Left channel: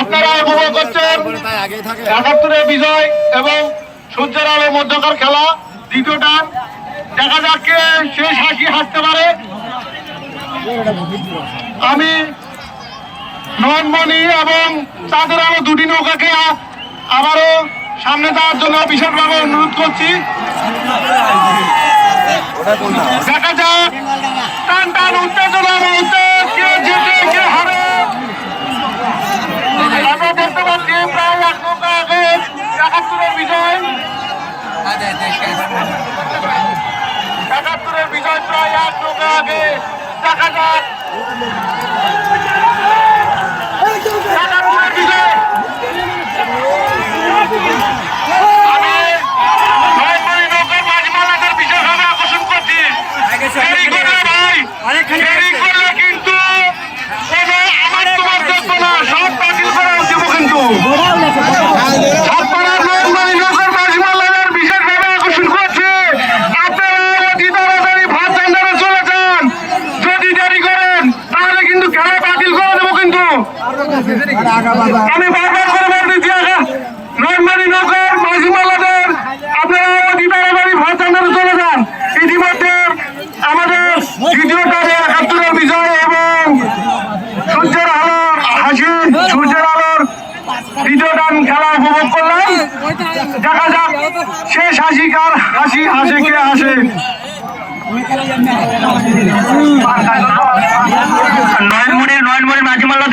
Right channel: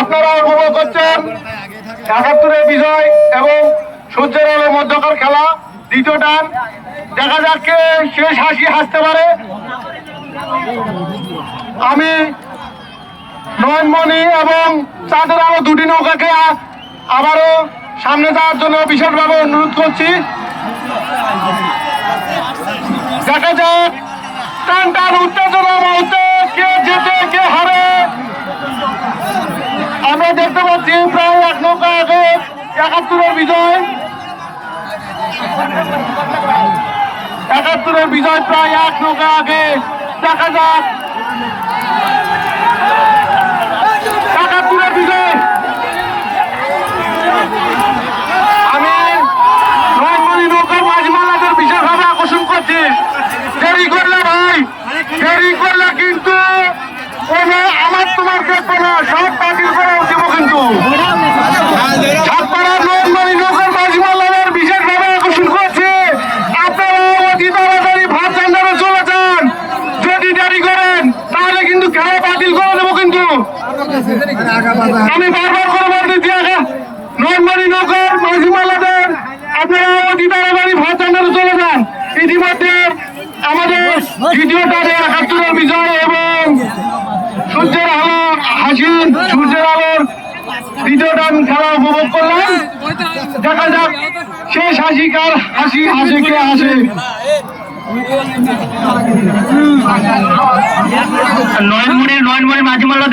আপনারা উপভোগ করছেন ৭১-এর বিজয় এবং সূর্যের আলো মধ্যকার খেলা দ্বিতীয় টান। দেখা যাচ্ছে শেষ হাসি হাসতে পারে। আমি নয়নমণি এবং চাঁদের আলো দুটি নৌকাকে আবারও সামনে যাওয়ার জন্য বিশেষভাবে অনুরোধ করছি। দেখা যাক টান টান উত্তেজনা বলতে কে জিতে কে হারে। আমরা দেখতে পাচ্ছি প্রায় ১ নৌকা আগে ৭১-এর বিজয়। ৭১-এর বিজয় প্রায় ১ নৌকা আগে। দেখা যাক ৭১-এর বিজয়। আমি নয়নমণি নৌকার মাঝমালাদের বিশেষভাবে আকর্ষণ করছি। দেরি করলে ভাই, দেরি করলে কিন্তু কোনো আমার তোমার দেখবো না, সব বাতিল করে দেব কিন্তু। ছাত্ররা নয়নমণি নৌকার মাঝমালাদের বিশেষভাবে আকর্ষণ করছে। আপনারা অতি তাড়াতাড়ি ভাত ঠান্ডারে চলে যান। যদি দেরি করেন তাহলে কিন্তু খেলা বাতিল করে দেবো কিন্তু। আমি বারবার করে বলতেছি নয়নমণি নৌকার মাঝিমালাদের আপনারা অতি তাড়াতাড়ি ভাত ঠান্ডারে চলে যান। ইতিমধ্যে আমাদের দ্বিতীয় টানে ৭১-এর বিজয় এবং সূর্যের আলোর হাসি, সূর্যের আলোর দ্বিতীয় টান খেলা উপভোগ করলাম। দেখা যাক শেষ হাসি কার হাসি হাসে কে হাসে। নয়নমণির মাঝিমালা